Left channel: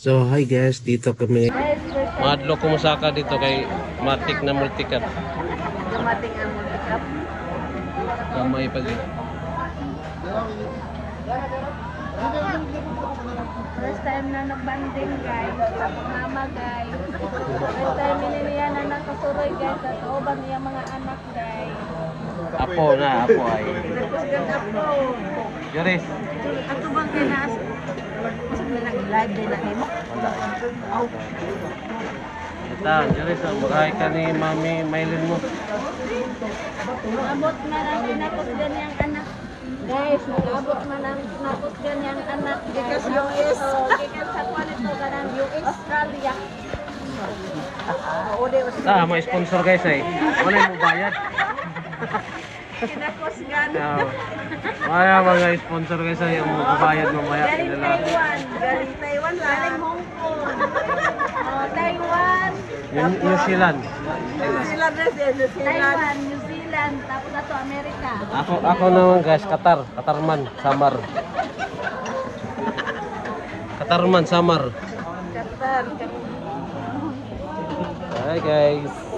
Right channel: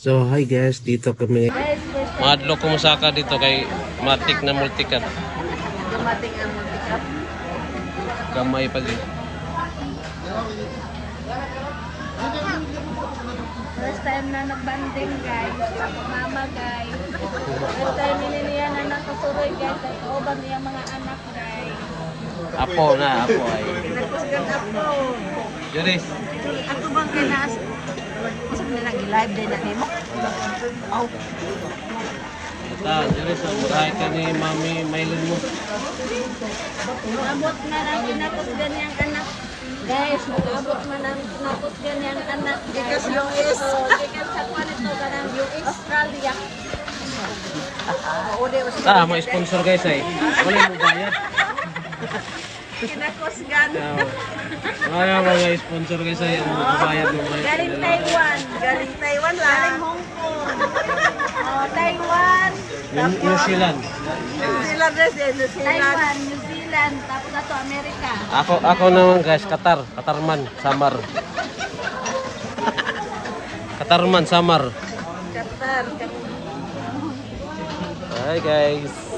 So hi guys, dito kami. Madlo ko musaka dito kay matik na multicut. Dumating ang multicap. Gamay pag First time na nagbanding guys. Tapos mama guys. First time niliniya na nakasuroy guys. At ubang niya mga anak guys. apo na, apo ay. Nagkusgan ako. Juris. Ako bang kinas? Kasi live din na nimo. Aw. Ita, Juris, buhay ka ni Mami Maylin mo. Umabot na lang kinakusgan niyang anak. Guys, nag-abot na lang kinakusgan niyang anak. Gikas US. Gikas sa kwanito ka ng US. Australia. Ah, may sponsor guys ay. Wala mo bayad. Kinakusgan. Kaya mga sponsor guys ay bayad mo bayad. Galing Taiwan. Galing Taiwan lang. Galing Hong Kong. Taiwan. New Zealand. Taiwan, New Zealand. Tapos na to, Amerika. Ako naman guys, Katarman, Samar. Katarman, Samar. Qatar. Hi guys.